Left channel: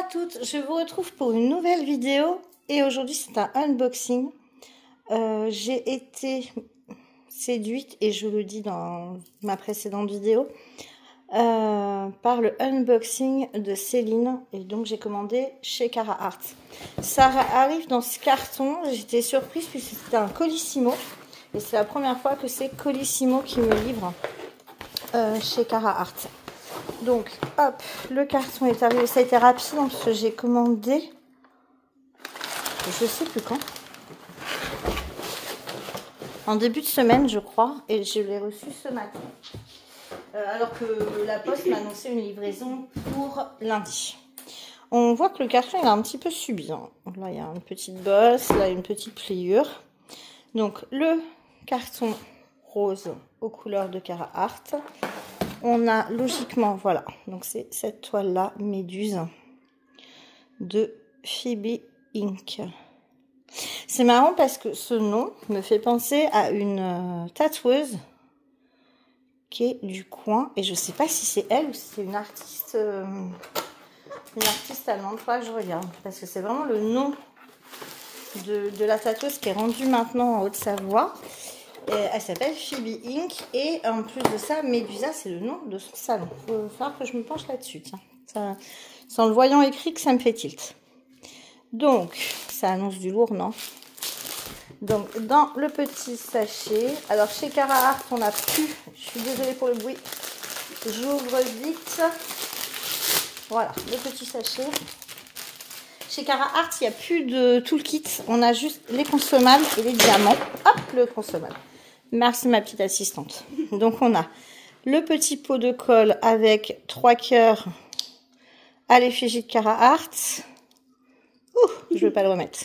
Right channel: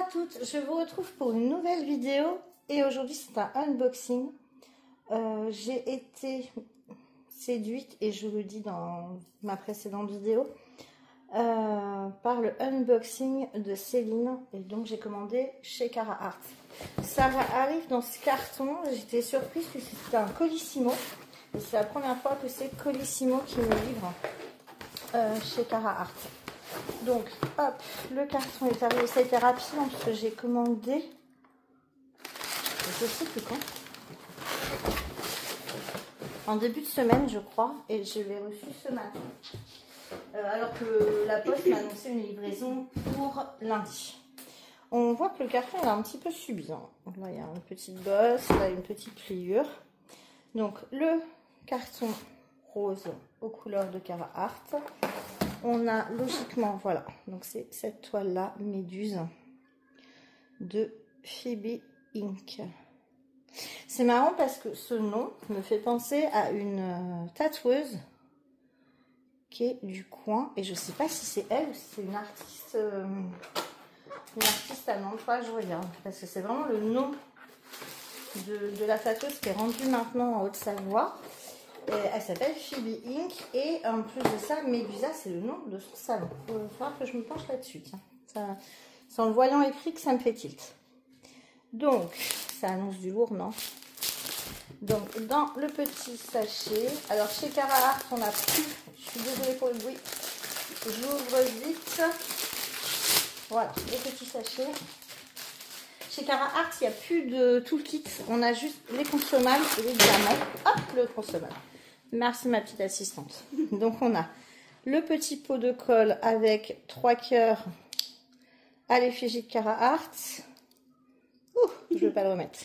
à toutes, je vous retrouve pour une nouvelle vidéo et aujourd'hui c'est un unboxing. J'ai été séduite, et je le dis dans ma précédente vidéo, par le unboxing de Céline, et donc j'ai commandé chez Carahart. Ça arrive dans ce carton, j'étais surprise puisque c'était un Colissimo et c'est la première fois que c'est Colissimo qui me livre chez Carahart. Donc hop, le carton est arrivé, ça a été rapide parce que j'ai commandé, je sais plus quand, en début de semaine je crois, et je l'ai reçu ce matin. Alors que la poste m'a annoncé une livraison pour lundi. On voit que le carton est un petit peu subi. Hein. Là il y a une petite bosse, là une petite pliure. Donc le carton rose aux couleurs de Carahart. On a logiquement, voilà, donc c'est cette toile là, Méduse de Phoebe Ink. C'est marrant parce que ce nom me fait penser à une tatoueuse qui est du coin, et je sais pas si c'est elle ou si c'est une artiste allemande. Faudra que je regarde parce que c'est vraiment le nom de la tatoueuse qui est rendue maintenant en Haute-Savoie. Elle s'appelle Phoebe Ink, et en plus de ça, Médusa, c'est le nom de son salon. Il va falloir que je me penche là-dessus. Ça, c'est en le voyant écrit que ça me fait tilt. Donc, ça annonce du lourd, non? Donc, dans le petit sachet, alors chez Carahart, on a plus, je suis désolée pour le bruit, j'ouvre vite. Voilà, le petit sachet. Chez Carahart, il n'y a plus de tout le kit, on a juste les consommables et les diamants. Hop, le consommable. Merci ma petite assistante. Donc on a le petit pot de colle avec 3 cœurs à l'effigie de Carahart. Ouh, je ne vais pas le remettre.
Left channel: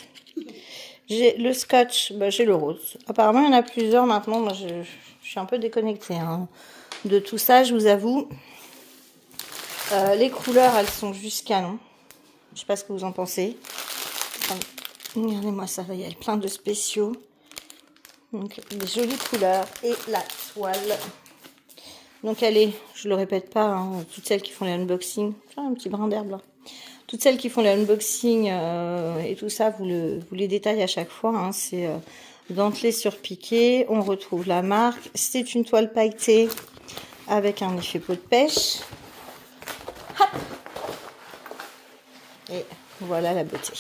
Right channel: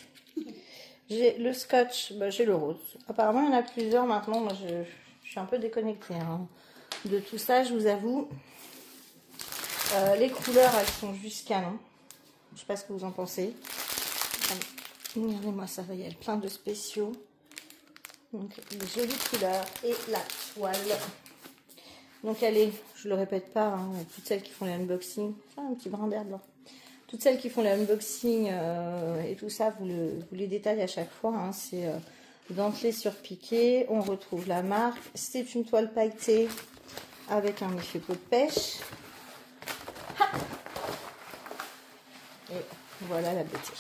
J'ai le scotch, bah, j'ai le rose. Apparemment il y en a plusieurs maintenant. Moi je suis un peu déconnectée hein, de tout ça, je vous avoue. Les couleurs, elles sont juste canon. Je sais pas ce que vous en pensez. Regardez-moi ça, il y a plein de spéciaux. Donc des jolies couleurs et la toile. Donc elle est, je le répète pas, hein, toutes celles qui font les unboxing, un petit brin d'herbe là. Toutes celles qui font les unboxing et tout ça, vous les détaillez à chaque fois. Hein, c'est dentelé sur piqué. On retrouve la marque. C'est une toile pailletée avec un effet peau de pêche. Hop. Et voilà la beauté.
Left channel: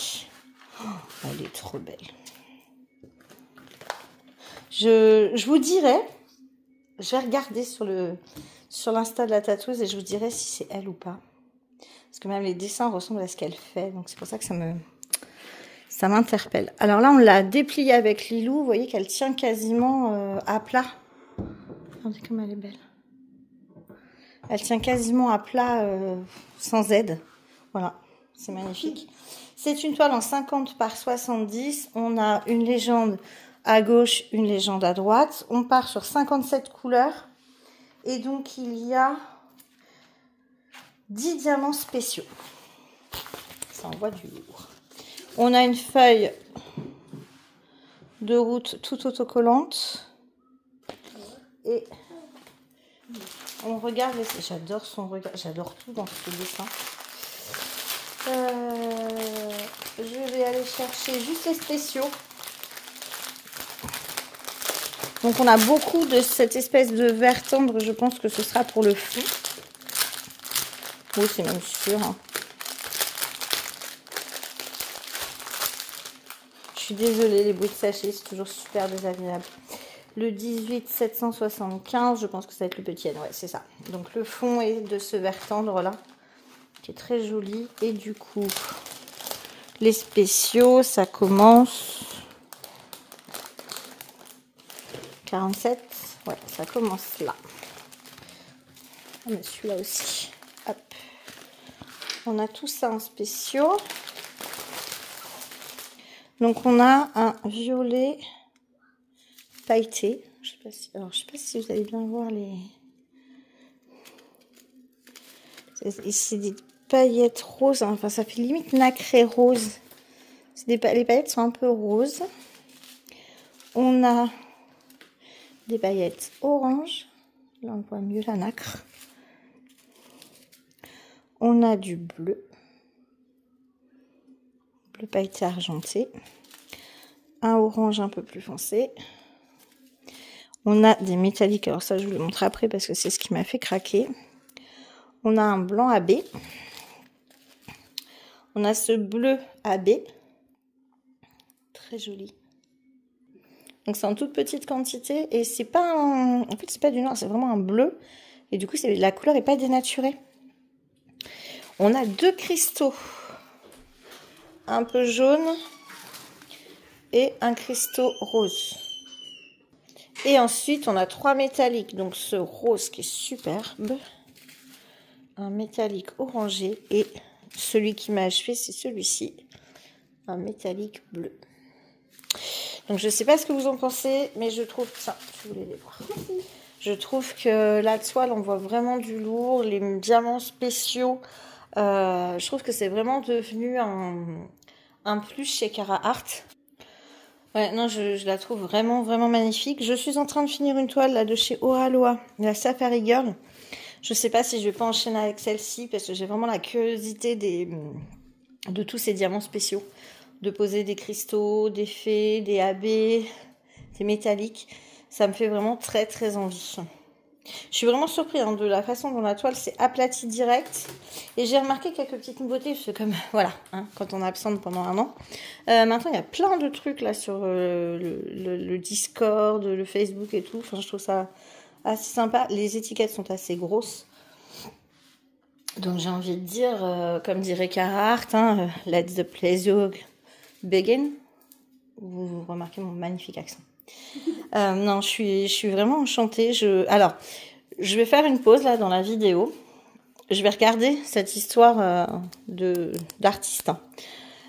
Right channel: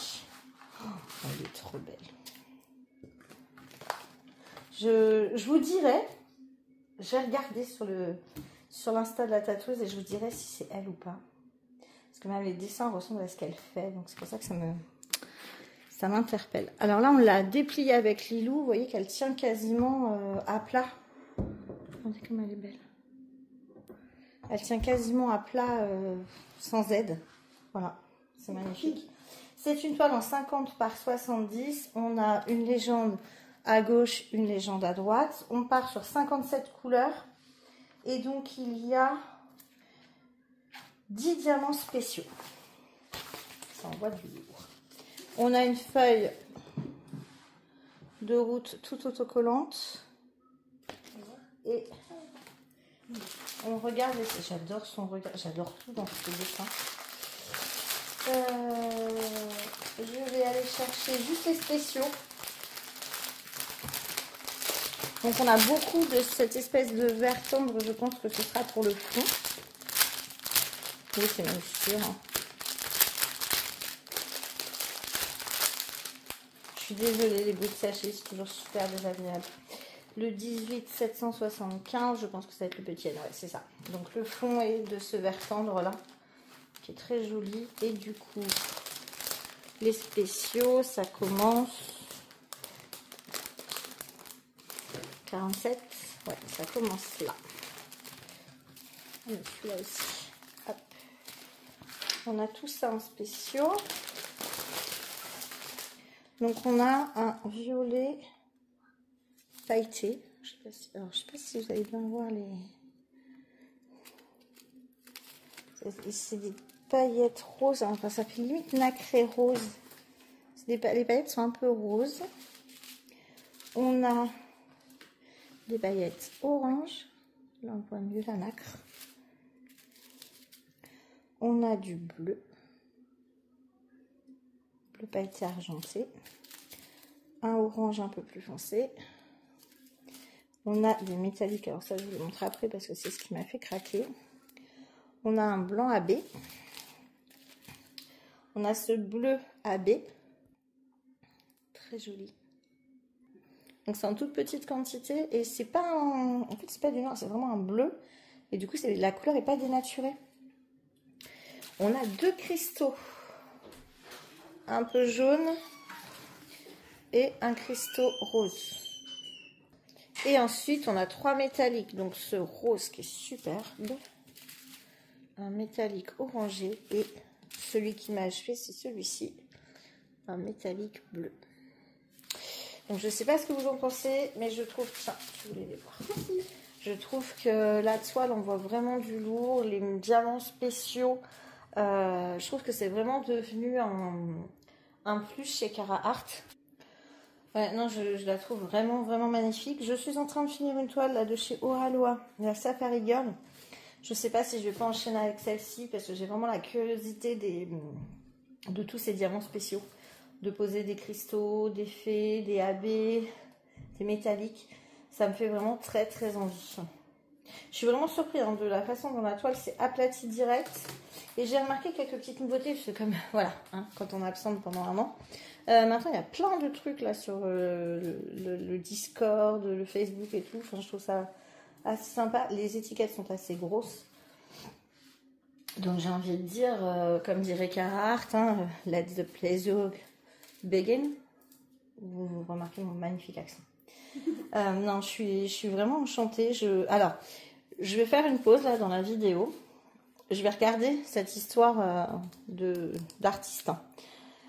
Oh, elle est trop belle. Je vous dirai, je vais regarder sur l'insta de la tatoueuse et je vous dirai si c'est elle ou pas. Parce que même les dessins ressemblent à ce qu'elle fait. Donc c'est pour ça que ça m'interpelle. Alors là, on l'a dépliée avec Lilou. Vous voyez qu'elle tient quasiment à plat. Regardez comme elle est belle. Elle tient quasiment à plat sans aide. Voilà, c'est magnifique. C'est une toile en 50 par 70. On a une légende à gauche, une légende à droite. On part sur 57 couleurs. Et donc, il y a 10 diamants spéciaux. Ça envoie du lourd. On a une feuille de route toute autocollante. Et on regarde. J'adore son regard. J'adore tout dans ce dessin. Je vais aller chercher juste les spéciaux. Donc on a beaucoup de cette espèce de vert tendre, je pense que ce sera pour le fond. Oui, c'est même sûr. Hein. Je suis désolée, les bruits de sachet, c'est toujours super désagréable. Le 18 775, je pense que ça va être le petit N, ouais, c'est ça. Donc le fond est de ce vert tendre là, qui est très joli. Et du coup, les spéciaux, ça commence... 47, ouais, ça commence là. Mais celui-là aussi. Hop. On a tout ça en spéciaux. Donc on a un violet pailleté. Je sais pas si, alors je sais pas si vous allez bien voir les. C'est des paillettes roses. Enfin, ça fait limite nacré rose. Les paillettes sont un peu roses. On a des paillettes orange. Là, on voit mieux la nacre. On a du bleu. bleu pailleté argenté. Un orange un peu plus foncé. On a des métalliques, alors ça je vous le montre après parce que c'est ce qui m'a fait craquer. On a un blanc AB. On a ce bleu AB. Très joli. Donc c'est en toute petite quantité et c'est pas un... En fait c'est pas du noir, c'est vraiment un bleu. Et du coup la couleur n'est pas dénaturée. On a 2 cristaux. Un peu jaune et un cristaux rose. Et ensuite, on a 3 métalliques. Donc, ce rose qui est superbe. Un métallique orangé. Et celui qui m'a achevé, c'est celui-ci. Un métallique bleu. Donc, je ne sais pas ce que vous en pensez, mais je trouve... Tiens, je voulais les voir. Je trouve que la toile, on voit vraiment du lourd. Les diamants spéciaux. Je trouve que c'est vraiment devenu un plus chez Cara Art. Ouais, non, je la trouve vraiment, vraiment magnifique. Je suis en train de finir une toile là de chez Ohaloa, la Safari Girl. Je sais pas si je vais pas enchaîner avec celle-ci parce que j'ai vraiment la curiosité de tous ces diamants spéciaux. De poser des cristaux, des fées, des AB, des métalliques. Ça me fait vraiment très, très envie. Je suis vraiment surprise hein, de la façon dont la toile s'est aplatie direct. Et j'ai remarqué quelques petites nouveautés. Parce que comme, voilà, hein, quand on est absente pendant un an. Maintenant, il y a plein de trucs là sur le Discord, le Facebook et tout. Enfin, je trouve ça assez sympa. Les étiquettes sont assez grosses. Donc, j'ai envie de dire, comme dirait Cara Art, hein, let the pleasure begin. Vous remarquez mon magnifique accent. Non, je suis vraiment enchantée. Alors, je vais faire une pause là dans la vidéo. Je vais regarder cette histoire d'artiste.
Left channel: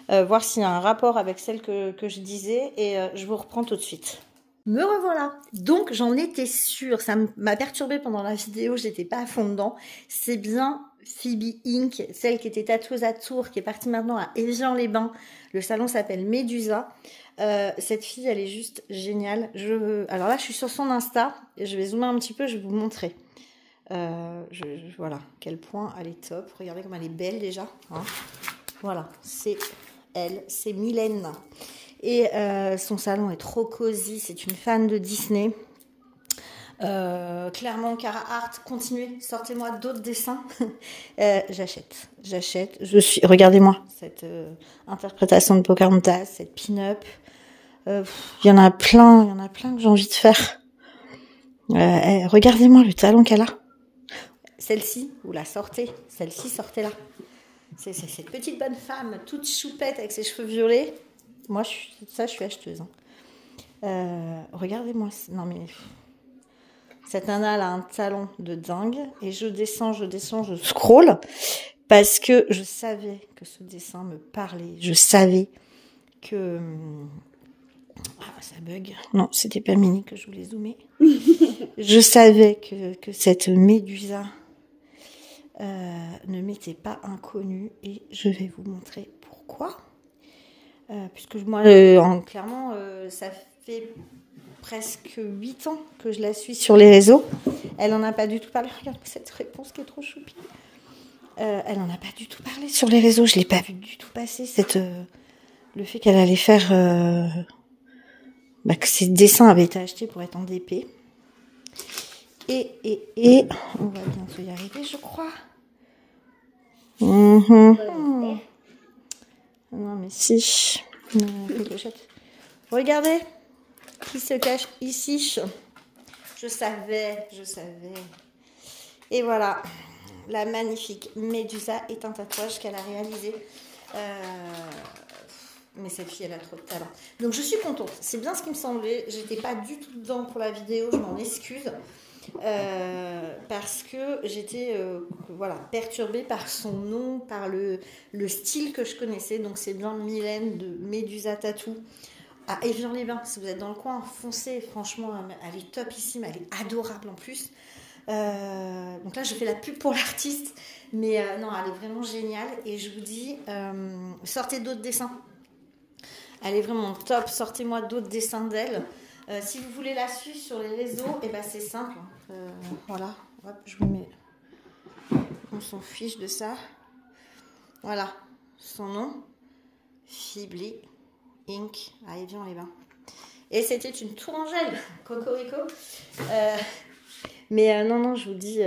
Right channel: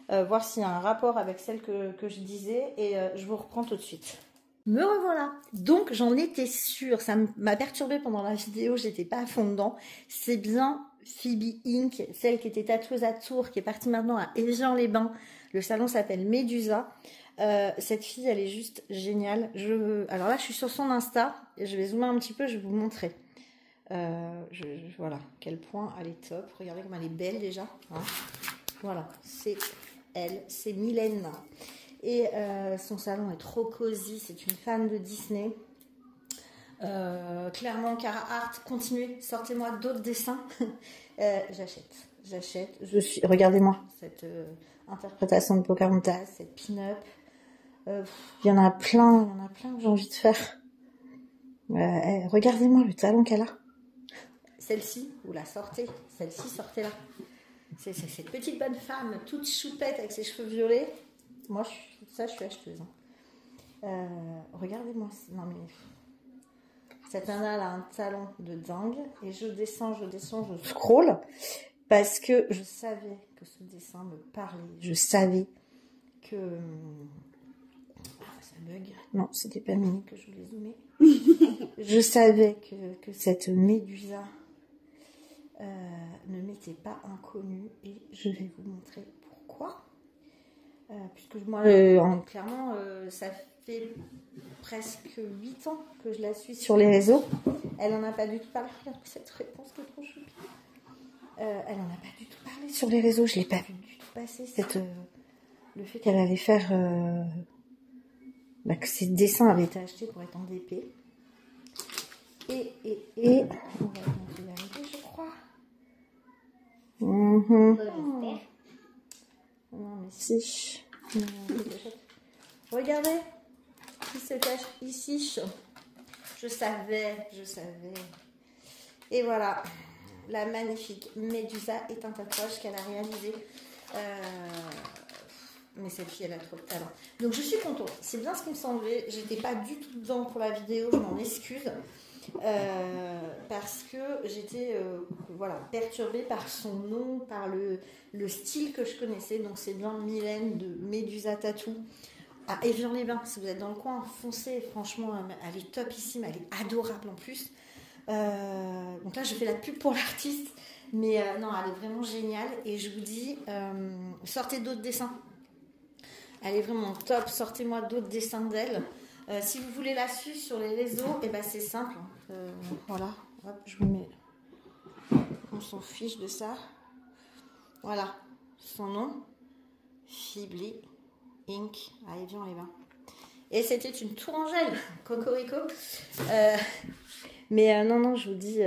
Voir s'il y a un rapport avec celle que je disais. Et je vous reprends tout de suite. Me revoilà. Donc, j'en étais sûre. Ça m'a perturbée pendant la vidéo. J'étais pas à fond dedans. C'est bien Phoebe Inc., celle qui était tatoueuse à Tours, qui est partie maintenant à Évian-les-Bains. Le salon s'appelle Médusa. Cette fille, elle est juste géniale. Alors là, je suis sur son Insta. Et je vais zoomer un petit peu, je vais vous montrer. Voilà, quel point elle est top. Regardez comme elle est belle déjà. Hein. Voilà, c'est elle, c'est Mylène. Et son salon est trop cosy. C'est une fan de Disney. Clairement, Cara Art, continuez, sortez-moi d'autres dessins. J'achète. Regardez-moi cette interprétation de Pocahontas, cette pin-up. Il y en a plein que j'ai envie de faire. Regardez-moi le talent qu'elle a. Celle-ci, vous la sortez. Celle-ci, sortez-la. C'est cette petite bonne femme, toute choupette avec ses cheveux violets. Moi, je suis acheteuse. Hein. Regardez-moi. Non, mais... Cette nana, elle a un talent de dingue. Et je descends, je scroll. Parce que je savais que ce dessin me parlait. Je savais que... Ah, ça bug. Non, c'était pas Mini que je voulais zoomer. Je savais que cette Médusa ne m'était pas inconnue. Et je vais vous montrer pourquoi. Puisque moi, clairement, ça fait presque 8 ans que je la suis sur les réseaux. Elle n'en a pas du tout parlé. Regarde cette réponse qui est trop choupie. Elle n'en a pas du tout parlé sur les réseaux. Je ne l'ai pas vu du tout passer. Le fait qu'elle allait faire... que ses dessins avaient été achetés pour être en DP. Et on va bientôt y arriver, je crois. Non, mais si. Regardez qui se cache ici. Je savais. Et voilà, la magnifique Médusa est un tatouage qu'elle a réalisé. Mais cette fille, elle a trop de talent. Donc, je suis contente. C'est bien ce qui me semblait. J'étais pas du tout dedans pour la vidéo. Je m'en excuse. Parce que j'étais perturbée par son nom, par le style que je connaissais. Donc, c'est bien Mylène de Médusa Tattoo à Évian-les-Bains. Si vous êtes dans le coin, foncez. Franchement, elle est topissime. Elle est adorable en plus. Donc là, je fais la pub pour l'artiste. Mais non, elle est vraiment géniale. Et je vous dis, sortez d'autres dessins. Elle est vraiment top. Sortez-moi d'autres dessins d'elle. Si vous voulez la suivre sur les réseaux, et ben c'est simple. Voilà. Hop, je vous mets. On s'en fiche de ça. Voilà. Son nom. Fibli Ink à Évian-les-Bains. Et c'était une tourangelle, cocorico. Mais non, je vous dis,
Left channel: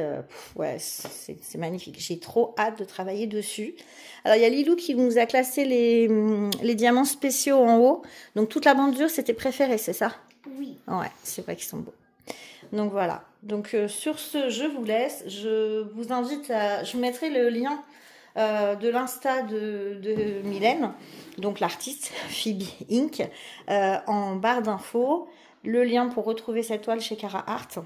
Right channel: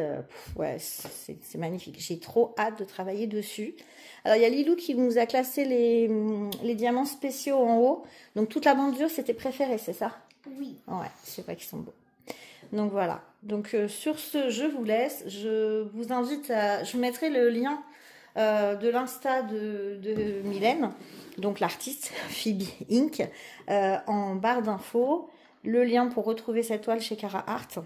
ouais, c'est magnifique. J'ai trop hâte de travailler dessus. Alors, il y a Lilou qui nous a classé les diamants spéciaux en haut. Donc, toute la bordure, c'était préféré, c'est ça? Oui. Ouais, c'est vrai qu'ils sont beaux. Donc, voilà. Donc, sur ce, je vous laisse. Je vous invite à... Je vous mettrai le lien de l'Insta de Mylène, donc l'artiste, Phoebe Ink, en barre d'infos. Le lien pour retrouver cette toile chez Cara Art.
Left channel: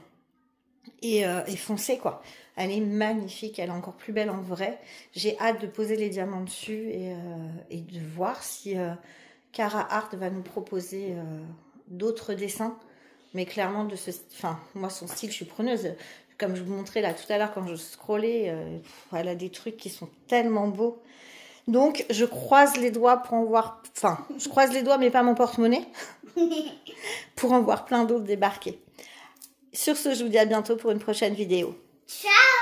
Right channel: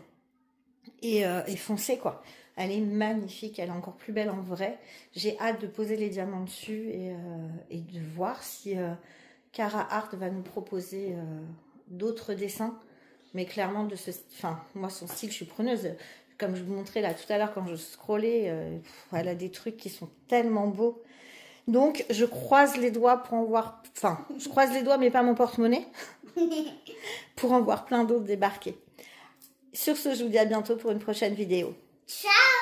Et foncez, quoi. Elle est magnifique, elle est encore plus belle en vrai. J'ai hâte de poser les diamants dessus et de voir si Cara Art va nous proposer d'autres dessins. Mais clairement, enfin, moi, son style, je suis preneuse. Comme je vous montrais là tout à l'heure quand je scrollais, elle a des trucs qui sont tellement beaux. Donc, je croise les doigts pour en voir... Enfin, je croise les doigts, mais pas mon porte-monnaie. Pour en voir plein d'autres débarquer. Sur ce, je vous dis à bientôt pour une prochaine vidéo. Ciao!